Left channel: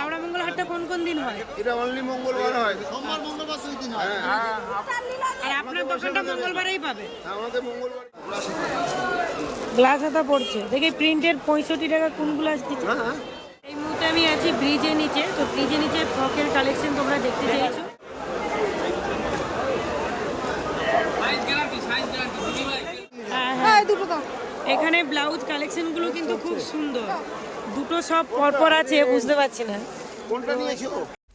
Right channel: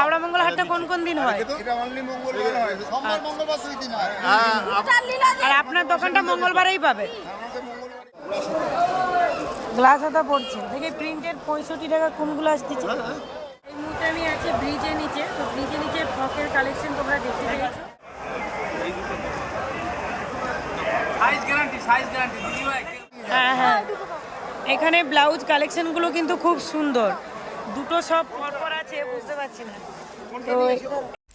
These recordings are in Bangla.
হাওড়া মঙ্গল হাটটা কোন কোন দিন হয়? এটা অনলি মঙ্গলবার হয়, সোমবার মঙ্গলবার 2 দিন হয়। আর আপনার দোকানটা মঙ্গলবারেই পাবে? আমাকে মঙ্গলবার গ্লাস হাতা পড়ছে দেখি প্রিন্টের 65 টাকা কোনগুলো আসতেছে। এই মুহূর্তে আমি আছি ব্রিজের নিচে, তো ব্রিজের নিচে ফ্রকের কালেকশন তোমরা দেখতে চেয়েছো। হ্যাঁ হ্যাঁ, এখানে ব্লাউজ কালেকশনগুলো কিন্তু খুব সুন্দর, দুটো সব পরপর আছে, বুঝতে পারছি না।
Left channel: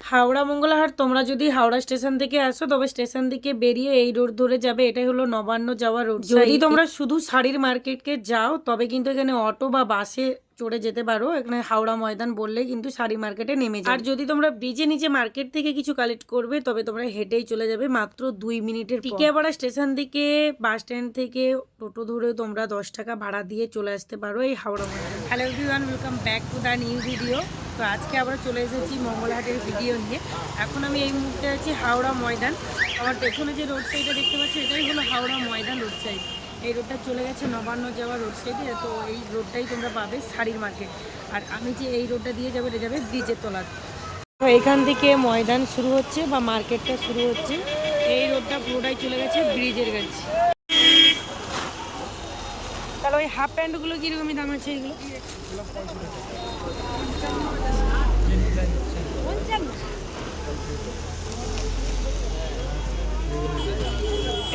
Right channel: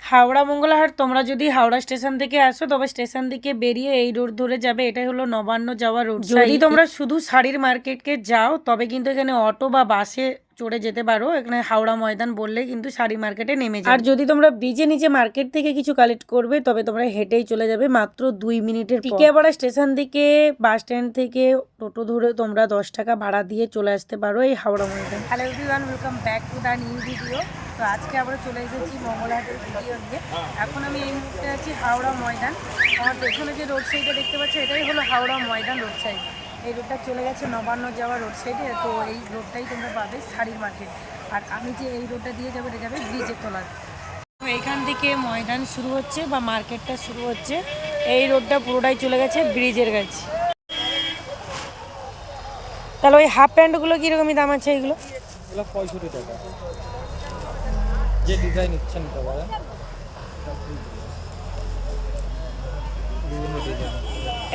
হাওড়া মঙ্গলহাট তোমরা যদি হাওড়া স্টেশন থেকে আসো তবে স্টেশন থেকে বেরিয়ে এই রোড ধরে যাবে, এটাই হলো নবান্ন যাওয়া রোড। যদি তোমরা শুধু শাড়ির মার্কেটকে যাও তবে কিন্তু এখানে অটো বা বাসে চড়ে যেতে পারো, এখানে হাওড়া ময়দান বললে কিন্তু শাড়ি মার্কেটে নেমে যাবে। আর যদি তোমরা ব্রিজে নিচে মার্কেট থেকে কিছু কালেক্ট করবে তবে তোমরা হেঁটেই চলে যাবে মাত্র 2 মিনিটের। টিকিয়াপাড়া স্টেশন থেকে বাস স্ট্যান্ড থেকে টোটো ধরে তোমরা 10 টাকা ভাড়া দিয়ে চলে আসতে পারো এই Howrah Maidan. Hello everyone, welcome back to the new video. তো আজকে আমরা চলে এসেছি মঙ্গলহাটের ভিডিও নিয়ে। এখন আমি এই মুহূর্তে আছি হাওড়া ময়দান। আমার পেছনে যে রোড সাইডটা দেখতে পাচ্ছি এটাই হলো হাওড়া ময়দান রোড সাইড। এই রোডটা চলে গেছে নবান্ন যাওয়া রোড সাইডে, তো এই রোডটাই তোমরা পাবে শাড়ির মার্কেট। আর আমি যে এই রোডটা দিয়ে যাবো এটা যাবে ব্রিজের তলাতে। তো এখান থেকে ময়দান শুরু হচ্ছে বা মার্কেটটা শুরু হচ্ছে, এই রোডটা পুরোটাই চলে গেছে ব্রিজের কাছে। তাহলে ওই হাফ প্যান্টগুলো কীরকমই দাম আছে এইগুলো? 65 টাকা। যে ডিজাইন ইচ্ছা নিতে পারবে।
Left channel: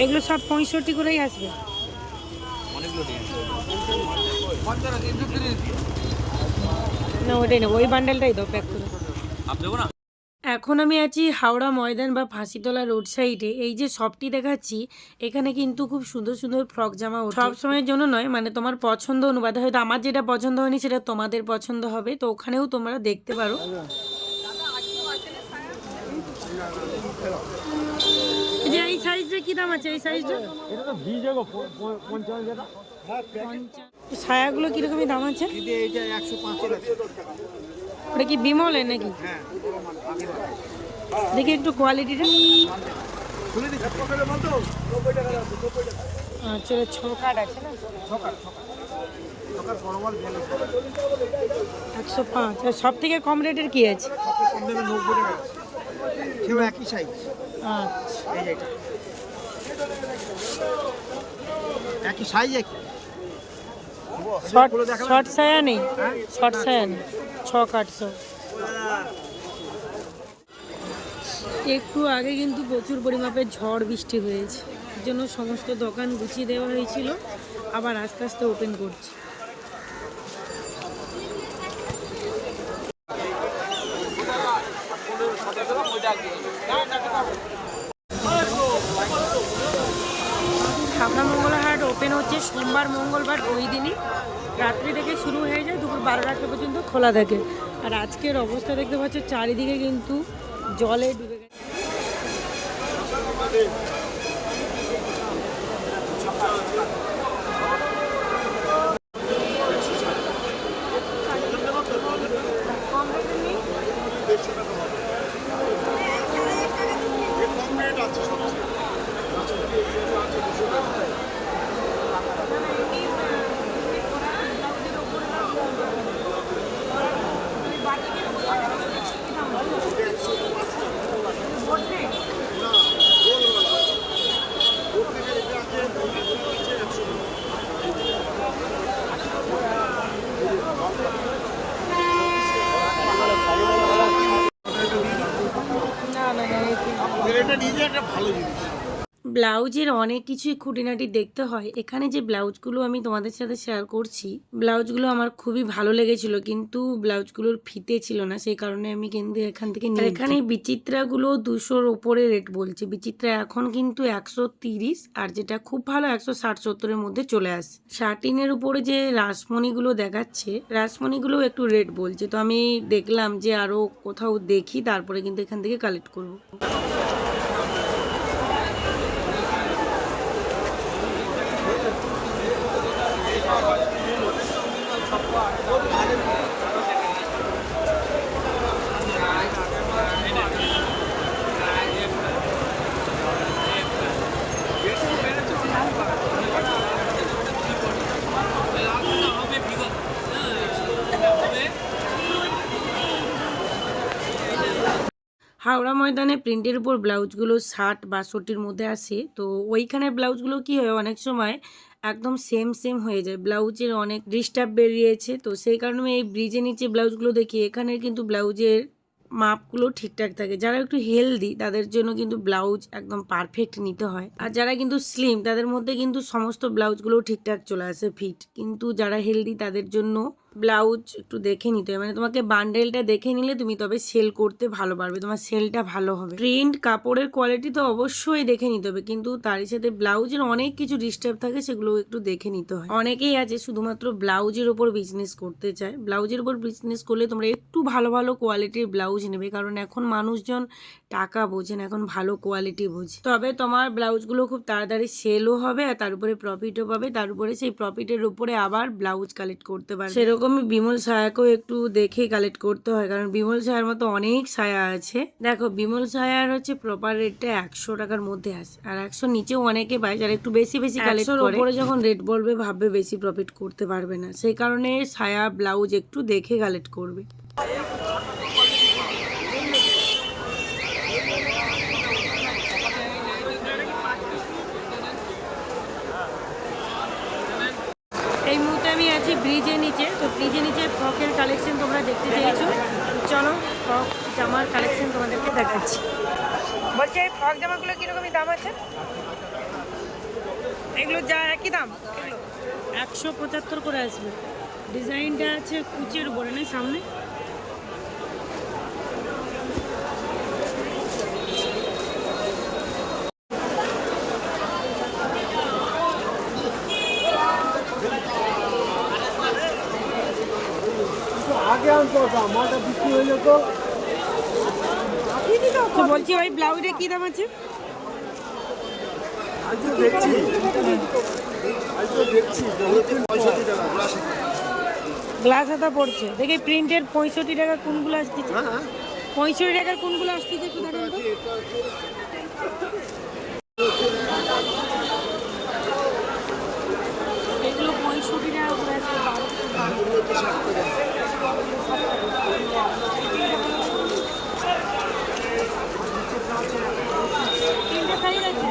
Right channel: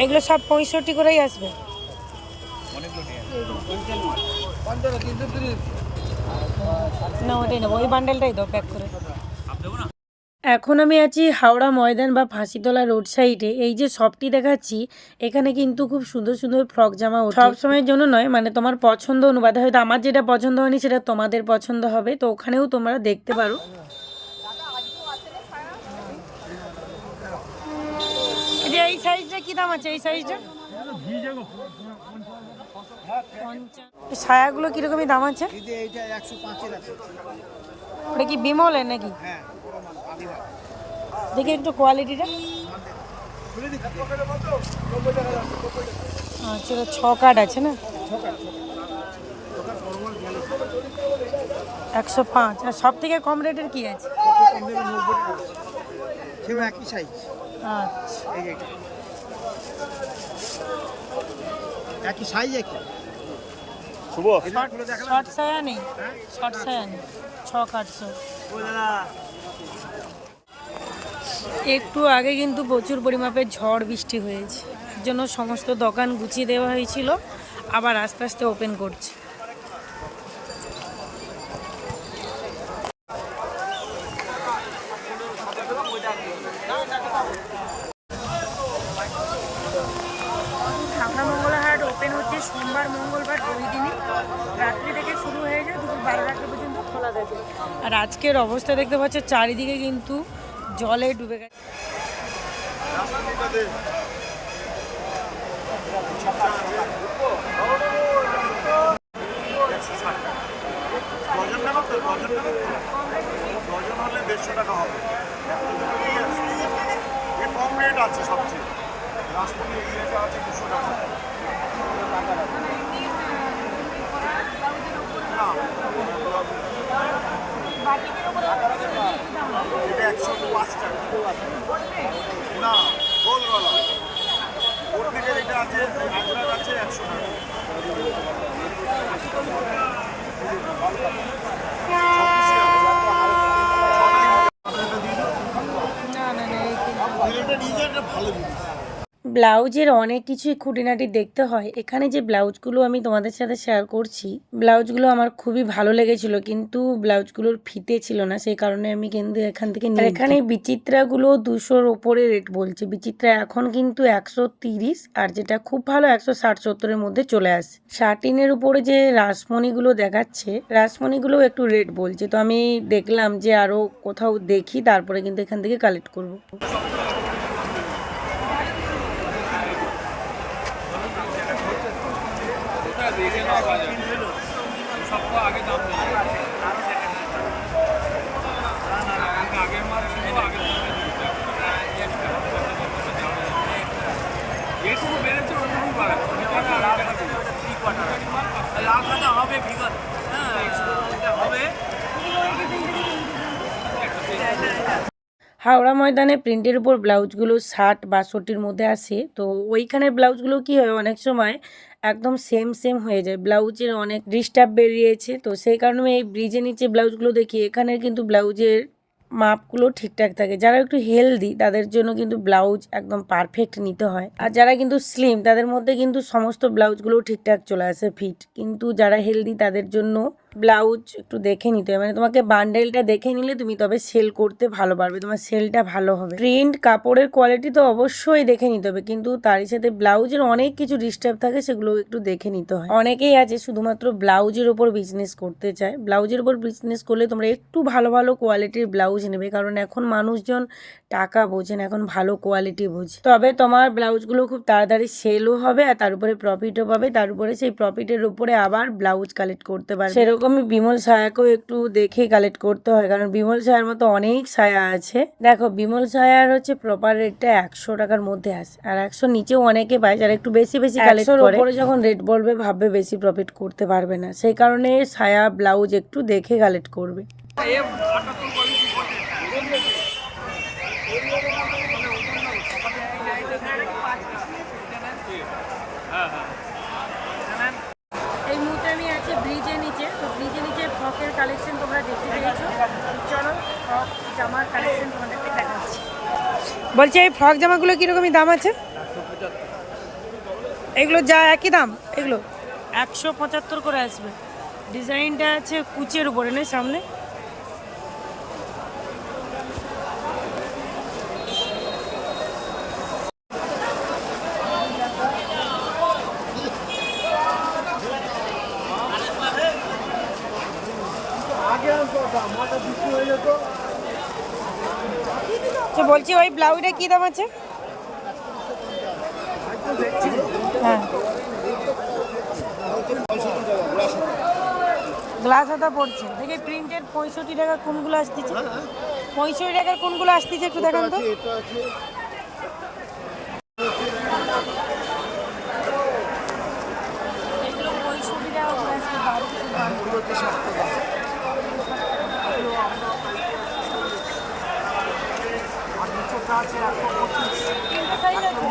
এগুলো সব 65 করেই আসবে। অনেকগুলো ডিজাইন। না ওইটাই নেবো, ওই বান্ডেলটাই দাও প্যাক করে। এখন আমি আছি হাওড়া ময়দান বা ফাঁসিতলা রোড সাইডে। এই যে শপটি দেখাচ্ছি এখানে কিন্তু খুব সুন্দর সুন্দর ফ্রক জামা সব সময়ের জন্য নয়, মানে তোমার পছন্দ অনুপাতে, হয়তো আমার যেটা পছন্দ হয়নি সেটা তোমাদের পছন্দ হবে, তো ওখানেও তোমরা দেখতে পারো। এই যে এই সাইজটা কি দাম আছে? এই সাইজটা এটা তো ভিজে গো 55 টাকা। হ্যাঁ 50। ছায়াগুলো কিরকমই দাম আছে? দিদি এইটা 105 এর আছে। ওটা কি বিমলের নাকি? হ্যাঁ দেখি একটু কোয়ালিটিটা। খুলে দিচ্ছি। আচ্ছা 6 কাট আছে না? 6 কাট 105। আর সব থেকে কম রেটের কি আছে? সবচেয়ে কম দামে 90 টাকা আছে। সেও একই সাইজ। আচ্ছা এই যে এটা একই সাইজ একই। শর্ট ছায়া নেই? শর্ট ছায়া নেই, 6 কাট সব। একটু আগে কিন্তু প্রচুর পরিমাপের ঝড় বৃষ্টি হয়েছে, এর জন্য সমস্ত দোকান গুছিয়ে দেওয়া হয়েছিল, আবার আস্তে আস্তে ওপেন করছে। হাওড়া মঙ্গলহাট ওপেন হচ্ছে সোমবার মঙ্গলবার 2 দিনই, রাত্রি থেকে শুরু হয়ে যায়, দুপুর 12টা পর্যন্ত খোলা থাকে। আর আজকের অবস্থা দেখতে পাচ্ছে চারিদিকে কিন্তু জলে ডুবে গেছে। কম রেট আছে সবচেয়ে। রাজপুরি এই রেটে আছে 200 টাকা। এটা 105 টাকা। না গোলগলা ওর থেকে এটা আছে, আজরাক আছে 100 টাকা। এটা নিজে একটা ভালো জিনিস। ব্লাউজের অনেক কিছুই খুঁটিনাটি দেখতে হয়। এখানে যে ব্লাউজগুলো আমি তোমাদের সাথে শেয়ার করছি, ব্লাউজগুলো আমার খুবই ভালো লেগেছিল, কিন্তু ব্লাউজগুলোর ফিতে ছিল না, সেই কারণে আমি কিন্তু এখান থেকে নিই। এখানে বিচিত্রাগুলো 200-র ওপরে রেট বলছে। বিচিত্রা এখন কিন্তু 130, আর যেটা খুব ভালো 160-70-এর মধ্যে চলে আসে। শার্টিনের উপরে যে রাসমণিগুলো দেখাচ্ছে, রাসমণিগুলো একটু রেট বলছে, তো আমি দেখলাম যে আরও কোথাও দেখি, তারপরে কিন্তু এখান থেকে কালেক্ট করব। লাল সাদা হবে, হবে হাওড়া ময়দানে প্রিন্টের উপর ব্লাউজগুলো 60-62-র মধ্যে আসে। তো ওইখানের ব্লাউজগুলো কি হয় অনেক সময় একদম সেম সেম হয়ে যায়, ব্লাউজের অনেক ডিস্টার্ব বেরিয়েছে। তো সেই কারণে এই ব্রিজের নিচে ব্লাউজগুলো দেখি, এখানের কিন্তু ব্লাউজের মাপগুলো ঠিকঠাক থাকে। যারা একটু হেলদি তাদের জন্য কিন্তু ব্লাউজ একদম পারফেক্ট নিতে হয়, আর যারা কিন্তু স্লিম তাদের মধ্যে কিন্তু সমস্ত ব্লাউজগুলো ঠিকঠাক চলে আসে ফিট। কিন্তু যারা হেলদি তাদের জন্য ব্লাউজ একটু দেখে নিতে হয়, মানে তোমাকে বান্ডেলটা দেখে নিলে তুমি তবে সেল করতে ভালো পারবে, তোমার সেলটা ভালো হবে। প্রিন্ট কাপড়ের কোয়ালিটি তো অবশ্যই দেখে নিতে হবে, কিন্তু তারই সাথে ব্লাউজের অনেক কিছু ডিস্টার্ব থাকে, সেগুলো একটু দেখে নিতে হয়। অনেকেই আছে শুধুমাত্র ব্লাউজের ওপর বিজনেস করতে চায়। ব্লাউজের উপর বিজনেস করলে তোমরা একটু ভালো ভালো কোয়ালিটির ব্লাউজ নেবে, কারণ এখন মানুষজন টাকা বোঝেন, এখন ভালো কোয়ালিটি বোঝে। তবে তোমার ব্লাউজগুলো খুব তাড়াতাড়ি সেলও হবে, আর তার উপরে প্রফিটও পাবে, তার উপরে সেই প্রফিটের উপরে আবার ব্লাউজ কালেক্ট করতে পারবে। সেরকমই বিমল সায়াকেও একটু দেখে কালেক্ট করতে হয়, কারণ বিমল সায়ার মতো অনেক সায়া আছে। দেখো বিমল সায়ার হচ্ছে প্রপার রেটটা 100 টাকার মধ্যে আসে, আর 100 নিচেও অনেকে পায় যারা একটু বেশি বেশি কালেক্ট করে। উপরে যখন রেট বলবে ভাববে বেশি প্রফিট করতে পারবে না, সেই কারণে সায়া ব্লাউজ একটু দেখে কালেক্ট করবে। এই মুহূর্তে আমি আছি ব্রিজের নিচে। তো ব্রিজের নিচে ফ্রকের কালেকশন তোমরা দেখতে চেয়েছো, চলো ফ্রক জামার কালেকশন তোমাদেরকে দেখাচ্ছি। বলছি এই ফ্রক জামাগুলো কীরকমই দাম আছে? এগুলো যা একই দাম, এগুলো 175 করে আসবে। ডিজাইনটা আছে কুচের উপরে নেই সামনে। তো বলছি ওই ব্লাউজটা কি দাম আছে? হ্যাঁ গ্লাস হাতা পড়ছে, দেখি প্রিন্টের 65 টাকা কোনগুলো আসতেছে, 65 টাকার কোনগুলো আসতেছে একটু দেখান তো। এগুলো 65 টাকা করে আসবে, 12 তিনটে সাইজ আছে।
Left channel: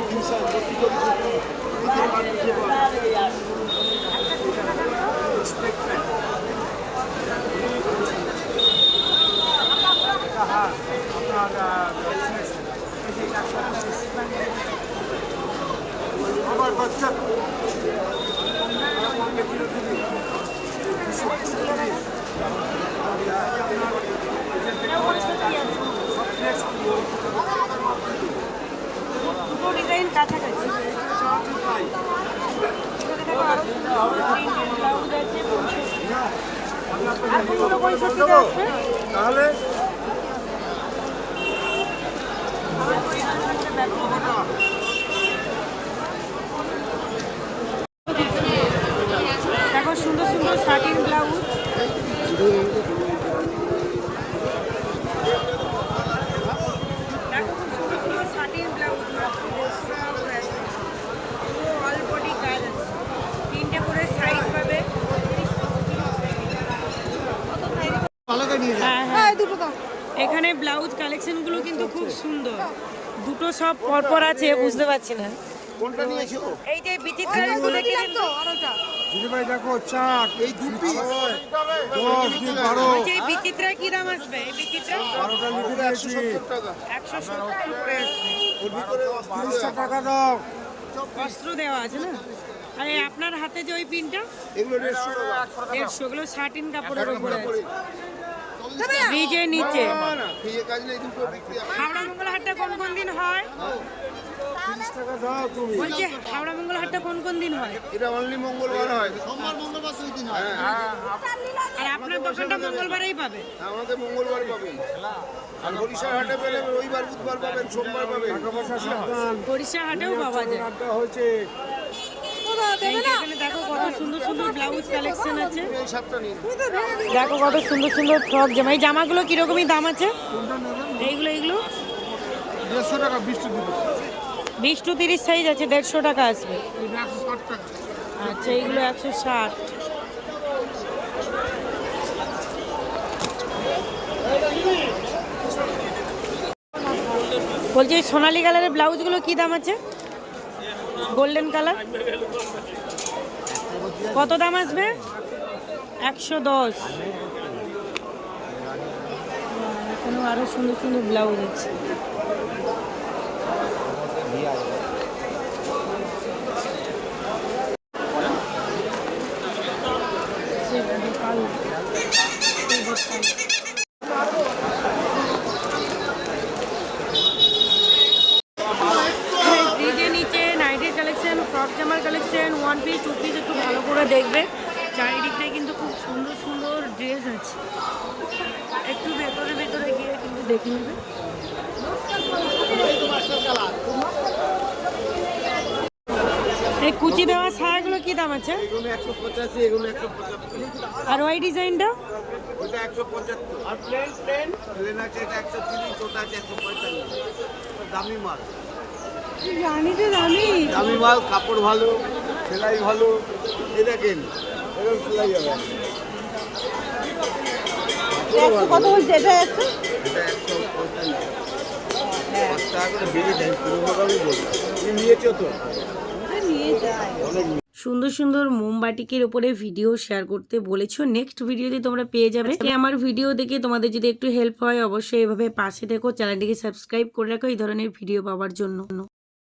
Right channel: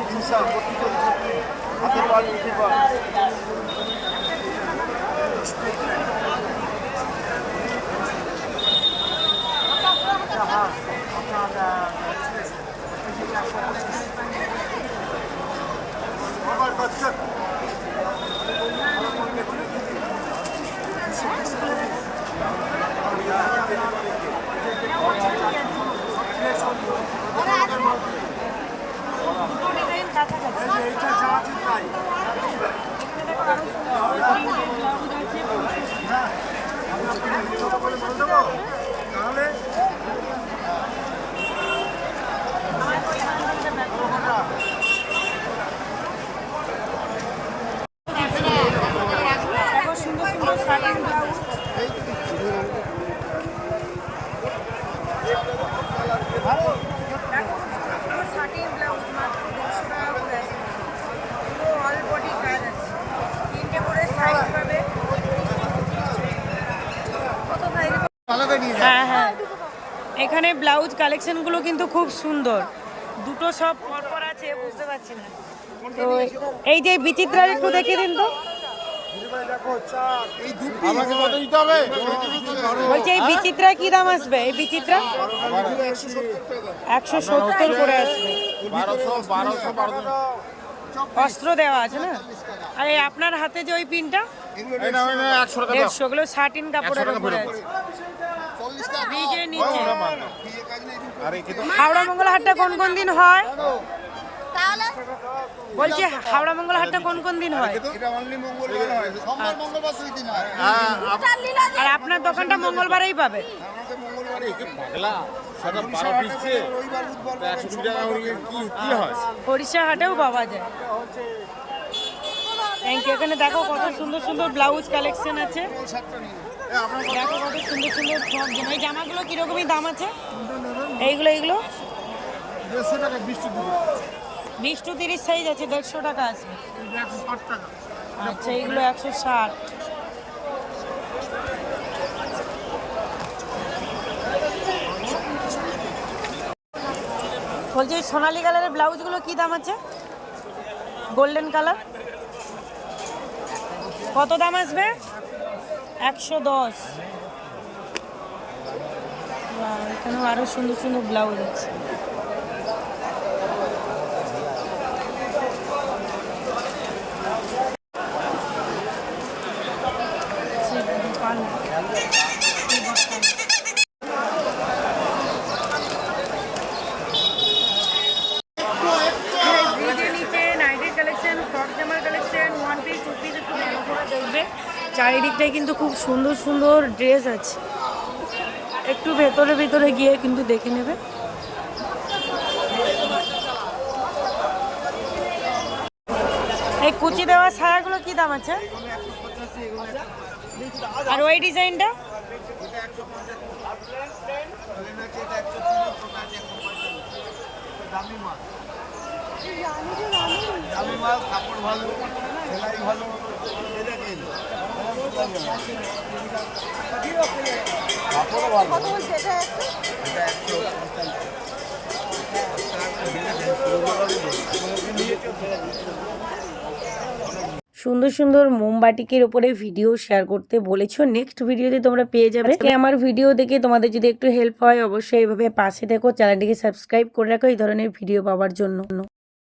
হ্যাঁ আপনার 125 আমার বাচ্চা দুটো ডিজাইন কাছাকাছি। এটা যা আছে তাই। তাহলে দেখো সুন্দর সুন্দর শার্টিং ব্লাউজ। দেখো খুব সুন্দর সুন্দর শার্টিং ব্লাউজ, মাত্র 150 টাকা করে আছে। পুরো অল বডি কাজ আছে, তিনটে করে সাইজ পাবে। হ্যাঁ হ্যাঁ, এখানে ব্লাউজ কালেকশনগুলো কিন্তু খুব সুন্দর, দুটো সব পরপর আছে, বুঝতে পারছি না। তো এই যে বিচিত্রা একটু দেখিয়ে দিন তো। বলছি এই বিচিত্রা কি দাম আসবে? এই বিচিত্রা 170 করে আসবে, অস্ত্র দেওয়া আছে না। আর এই আপনার হাতে যে ওই পিনটা 150, ওগুলো শার্টিন কাপড়ের উপরে আছে, ব্রিজের নিচে। হাওড়া মঙ্গলা হাটটা কোন কোন দিন হয়? বলছি হাওড়া মঙ্গলা হাটটা কোন কোন দিন হয়? এটা অনলি মঙ্গলবার হয়, সোমবার মঙ্গলবার দুই দিন হয়। আর আপনার দোকানটা মঙ্গলবারেই পাবে? আমাদের মঙ্গলবারই আর হরিশার হাটে পেলে রবিবার বুধবার পাবেন, সোমবার পাবেন। হরিশা হাটেও পাওয়া যায়। Thank you. এখানে দেখো কত সুন্দর সুন্দর ব্লাউজ কালেকশন আছে, দেখো কত সুন্দর সুন্দর ফ্রক জামা। এই জামাগুলো কিরকমই দাম আছে? এইগুলো 150 টাকা, 20 to 30 সাইজ আছে, 150 টাকা আসবে। আচ্ছা এইগুলো 160। বলছি এই সোনালি কালারের ব্লাউজগুলো কি দাম আছে? গোল্ডেন কালার কত দাম আসবে? 110। এখানেও আরো সুন্দর সুন্দর ব্লাউজ আছে। গোপাল গোপাল ব্রিজের নিচে নাইটির কালেকশন, ফ্রক জামার collection, one piece two piece একটু ভালো করে দেখবে। চারিদিকটায় কিন্তু খুব সুন্দর সুন্দর ড্রেস আছে, একটু ভেতরে ভেতরে গিয়ে কিন্তু দেখে নেবে। এই কুচি দেওয়া ছায়াগুলো কি দাম আছে? আর ওই ডিজাইনটা? ওটা 175, প্লেন আছে এটা 130, ওটা আছে 145। দামি মাল, দামি মাল, কাপড় ভালো, সেলাই ভালো। এটা কেন এরকম সেলাই হবে, কাপড়ও ভালো। এটা 145। নিয়েছো তো? সুন্দর সুন্দর মোমবাটিকের উপরে ভিডিও শেয়ার করতে বলেছো, নেক্সট ভিডিওতে তোমরা পেয়ে যাবে। আমার ভিডিও দেখে তোমাদের যদি একটু হেল্প হয় অবশ্যই এইভাবে পাশে দেখো, চ্যানেলটিকে সাবস্ক্রাইব করে রাখো এই ধরনের ভিডিও পাওয়ার জন্য।